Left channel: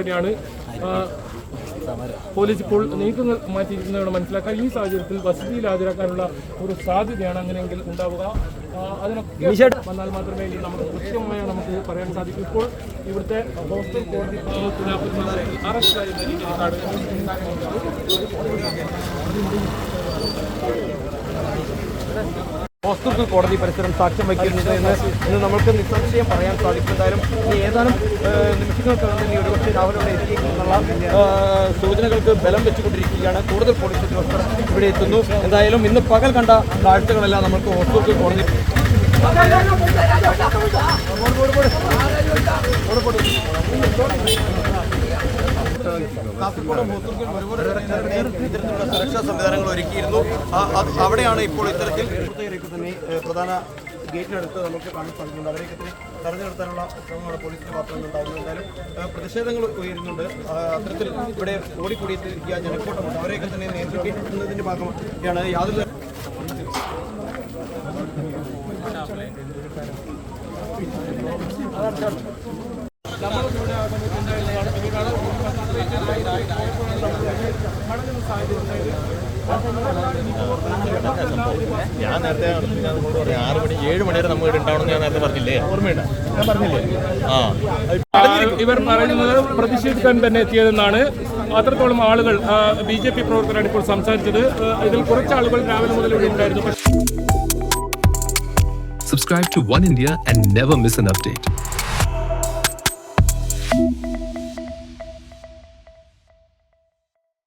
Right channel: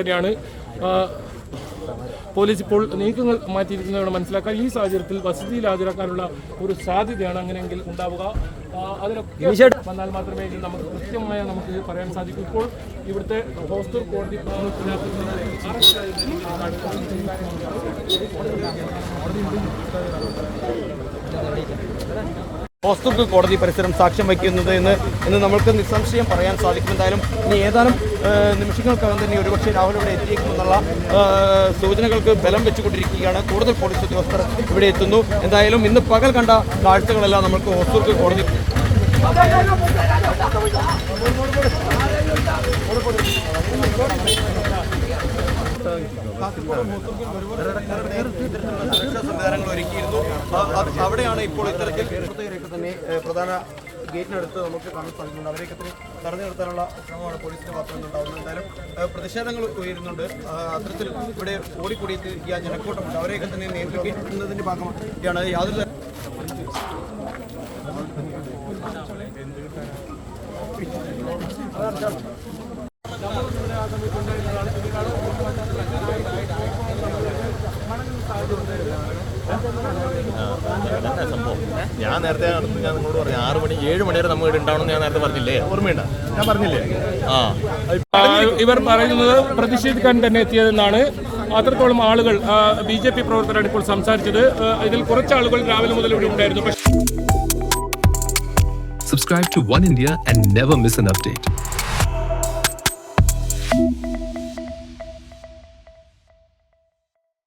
തന്നെയാണ് പോലീസ് ഇപ്പോൾ നീക്കങ്ങൾ മാറ്റിയിരിക്കുന്നതാണ് മനസ്സിലാക്കാൻ ഈ സാഹചര്യത്തിൽ വസതിയിൽ ഹാജരാക്കാനുള്ള ഒരു സാധ്യതയാണ് അങ്ങനെയെങ്കിൽ ഉണ്ടാവുക. അതിനൊക്കെ വന്നാൽ മാത്രമേ ഇത് നമുക്ക് കൃത്യമായ നമുക്ക് പറയാൻ സാധിക്കൂ. ഇപ്പോൾ ഇവിടുത്തെ ഹോസ്റ്റൽ കോടതി അറസ്റ്റ് ഹോസ്തുക്ക് കോടതി പരിസരം സാക്ഷ്യം വയ്ക്കുന്നത് എന്ന് എന്ന് നമുക്ക് നിസ്സംശയം പറയാൻ സാധിക്കും. എന്തായാലും ഇനി ഏതാനും നിമിഷങ്ങൾക്കകം തന്നെ ഒരുപക്ഷെ രാവിലെ ഇവിടെ സൂചനകൾക്ക് ബലം വെച്ചുകൊണ്ടിരിക്കുകയാണ്. കൂടുതൽ പോലീസ് ഉദ്യോഗസ്ഥർ ഇവിടെ എത്തുന്നു. എന്തായാലും ഇന്ന് പകൽ കണ്ട കാഴ്ചകളെല്ലാം നമുക്ക് വസ്തുക്കൾ കോടതി Thank ഒരുപാട് സുരക്ഷാ സംവിധാനങ്ങൾ ഒരുക്കിയിരുന്നു അവിടെയാണ് ഇപ്പോൾ ഇത്തരത്തിൽ പ്രധാന ഗേറ്റിനടുത്ത് നമുക്ക് കാണാൻ സാധിക്കുന്നുണ്ട് അവരെയൊക്കെ തന്നെ തടഞ്ഞു നിർത്താനുള്ള ശ്രമമാണ് പോലീസിന്റെ മാത്രം നിന്നുണ്ടാകുന്നത് എന്തായാലും പ്രതിഷേധങ്ങൾ ഉയരുന്നുണ്ട് അത്തരത്തിൽ ഇവിടെ ഓടിക്കൂടിയിരിക്കുക ജനക്കൂട്ടമുണ്ട് അവരെയൊക്കെ തന്നെ നിയന്ത്രിക്കുന്നതിന്റെ ഭാഗമാണ് യാതൊരു സംഭവം ഞാൻ നേരത്തെ ഞാൻ നിങ്ങളോട് പറഞ്ഞു ആറ് മണി ഏഴ് മണി വരെ നമ്മൾ ഇവിടെ ഉണ്ടാവണമെന്ന് ഞാൻ നേരത്തെ പറഞ്ഞില്ലേ? ഓർമ്മയുണ്ട. ഞാൻ പറഞ്ഞില്ലേ? ആ. ഇവർ പറയുന്നത് പ്രതിഷേധിക്കാൻ തന്നെ എത്തിയതെന്നാണ്. അത്രത്തോളം ആളുകൾ ബി ജെ പി പ്രവർത്തകരാണ് ഇപ്പോൾ സംസാരിച്ചത്. ഇതിൽ കുറച്ച് ആളുകൾ രാവിലെ മുതൽ ഇവിടെ ഉണ്ടായിരുന്നു. Subscribe to to India and never miss miss update update.